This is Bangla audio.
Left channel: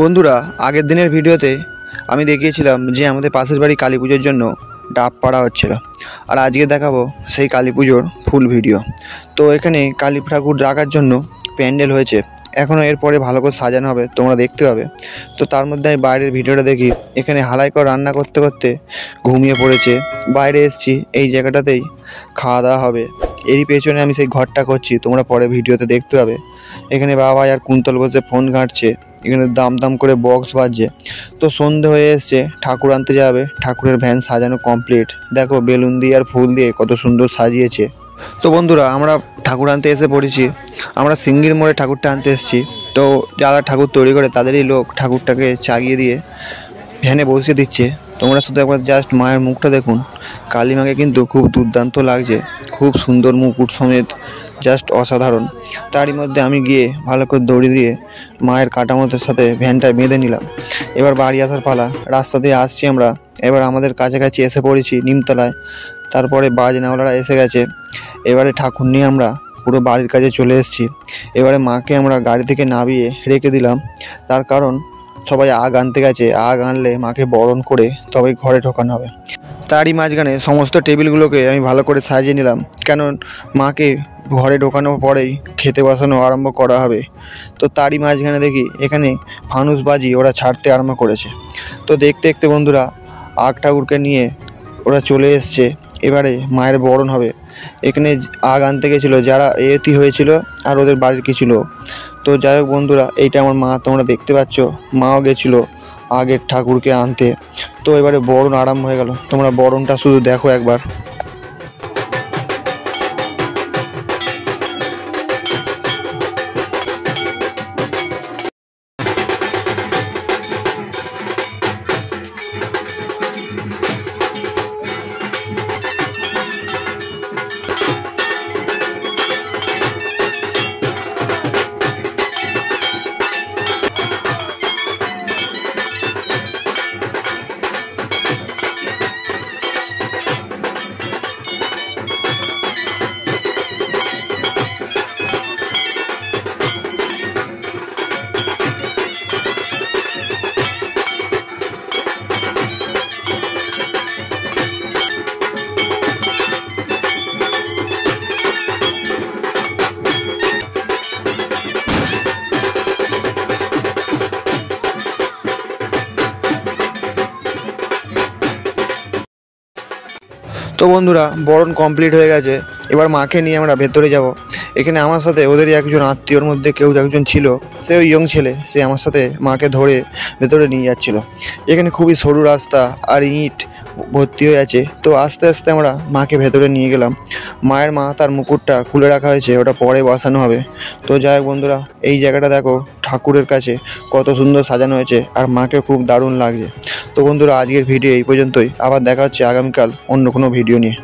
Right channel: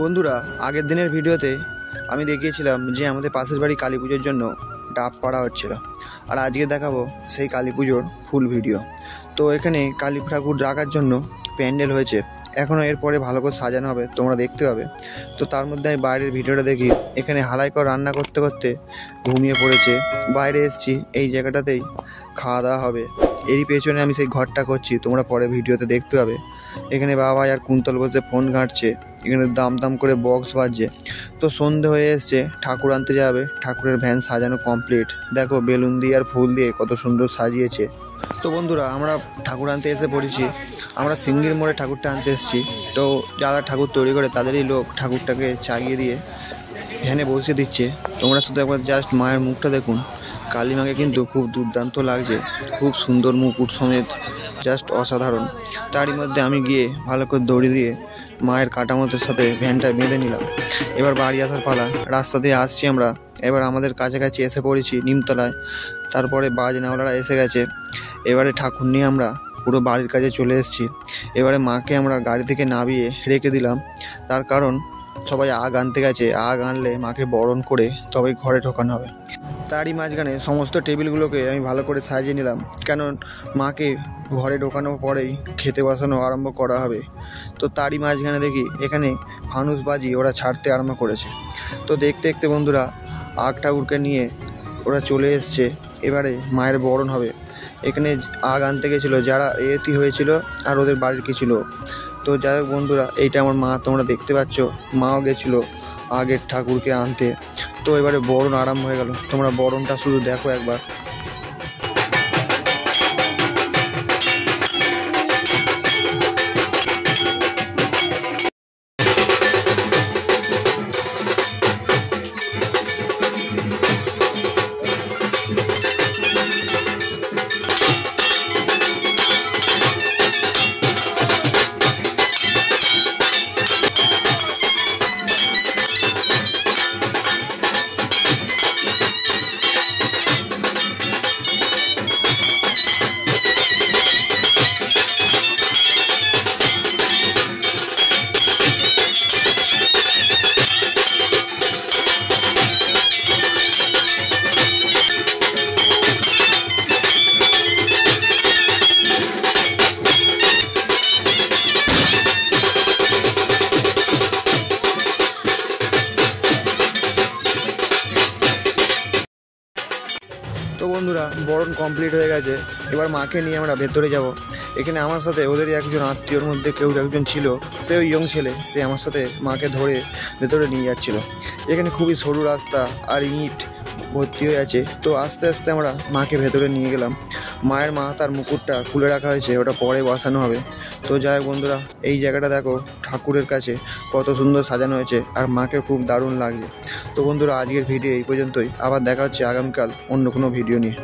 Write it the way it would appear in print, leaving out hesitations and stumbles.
বন্ধুরা, আগের দিনের ভিডিওতে আমি দেখিয়েছিলাম যে আমাদের পাশের বাড়ি কালী পুজোর জন্য ডাব পাড়া হচ্ছিল। আর আজকে দেখাবো সেই কালী পুজোর ফুল ভিডিও। তো এখানে কালী ঠাকুর রাখার জন্য প্যান্ডেল হয়েছে, এখনও এরপরে ভালো করে সাজানো হবে, তোমরা দেখতে পাবে। তো তার মধ্যে আমি বাইরের ভিডিওটা দেখি, এখানে হালাই করে রান্না করতে করতে ঘুমিয়ে পড়েছে। বাইরে এসেছি, এই জায়গাটাতেই খাওয়া দাওয়া হবে। এরই পেছনে আমি সেই ঘরটা করছি, তোমরা পরে ভিডিওতে দেখতে পাবে। এখানে বাবা আর কুন্তল বসে ফোন ঘাঁটছে, এখানে দাম দাম করে বক্স বাজছে। তো সন্ধ্যে হয়ে এসছে, ঠাকুর আনতে যাবে। ঠাকুরের ভ্যান সাজানো কমপ্লিট, দেখো বেলুন দিয়ে আর ফুল দিয়ে কত সুন্দর সাজিয়েছে। তো বন্ধুরা, আমরা ঠাকুর আনতে এসে পড়েছি। আমরা সিঙ্গির মোড়ে ঠাকুরটা আনতে এসেছি। তো যারা ঠাকুর তৈরি করে তাদেরই লোক ঠাকুরটাকে চাগিয়ে দিয়ে ভ্যানে বসিয়ে দিচ্ছে। তোমরা শুধু একবার জাস্ট মায়ের মুখটা দেখুন, কালী মাকে কিন্তু খুব দুর্দান্ত লাগছে, খুব সুন্দর মুকুট সমেত, জাস্ট অসাধারণ। তারই মধ্যে আমি গিয়ে ভালো করে দড়ি দিয়ে মায়ের কাটামোটোর সাথে ভ্যানটায় বেঁধে নিলাম। এবার বাড়ি আসার পালা। রাস্তা দিয়ে আসছি আমরা, এবার আমাদের কাছাকাছি এসে পড়েছি নিমতলায়। তারপরে বাজনাওয়ালারা এসে গেছে। এবারে ঠাকুর নিয়ে আমরা পুরো বাড়ির কাছে চলে এসেছি। এবারে মাকে আমরা গাড়ি থেকে নামিয়ে রেখে দিলাম, তার কারণ সবাই আগ আনতে গেছে। আগ আনলে মাকে বরণ করে তবেই ঘরে ঢোকানো হবে। তারই মাঝখানে সমস্ত টেবিলগুলোকে আমি ভালো করে সাজিয়ে নিলাম, কারণ মাকে ঘরে ঢোকানোর পরেই খেতে বসানো আরম্ভ করা হবে। তো তারই মাঝখানে দেখি এখানে ফানুসবাজি ওরা ছাড়তে আরম্ভ করেছে। তো দেখতে দেখতে বন্ধুরা, আগ ঠাকুরকে নিয়ে ওরা চলে এসছে। এবারে মায়ের বরণ হবে। এখানে আগ আনতে গেছিলো যারা এতি হয়েছিল আর ওদের বাড়ির কিছু লোক। তো যাই হোক বন্ধুরা, এইটা আমার মা, তোমরা দেখতে পাচ্ছ, মাও গেছিলো আগের ঠাকুরকে আনতে। তো এবারে বরণ আরম্ভ হয়ে গেল, তোমরা বরণটা শুধু দেখো একবার। তো বন্ধুরা, বরণ কমপ্লিট হয়ে গেছে। এবার মাকে নিয়ে আমরা ভেতরে যাব। এখানে আমার সাথে ওদেরই একজন আত্মীয়র মধ্যে কেউ একজন ছিল, সে ওই ইয়ং ছেলে, সে আমার সাথে মাকে ধরে ভেতরে নিয়ে যাচ্ছিল। এখানে খুবই সরু রাস্তা আর ইট ভর্তি হয়ে আছে। তো আস্তে আস্তে আমরা মাকে ভেতরে নিয়ে গেলাম। মায়ের মাথার মুকুটটা খুলে রাখা হয়েছে, ওটা পরে বসানো হবে। তো যাই হোক বন্ধুরা, এই জায়গাটা দেখো ঠাকুরের কাছে কত সুন্দর সাজানো হয়েছে, আর মাকে খুব দারুণ লাগছে। তো বন্ধুরা, আজকের ভিডিও এই পর্যন্তই। আবার দেখা হচ্ছে আগামীকাল অন্য কোনো ভিডিও নিয়ে।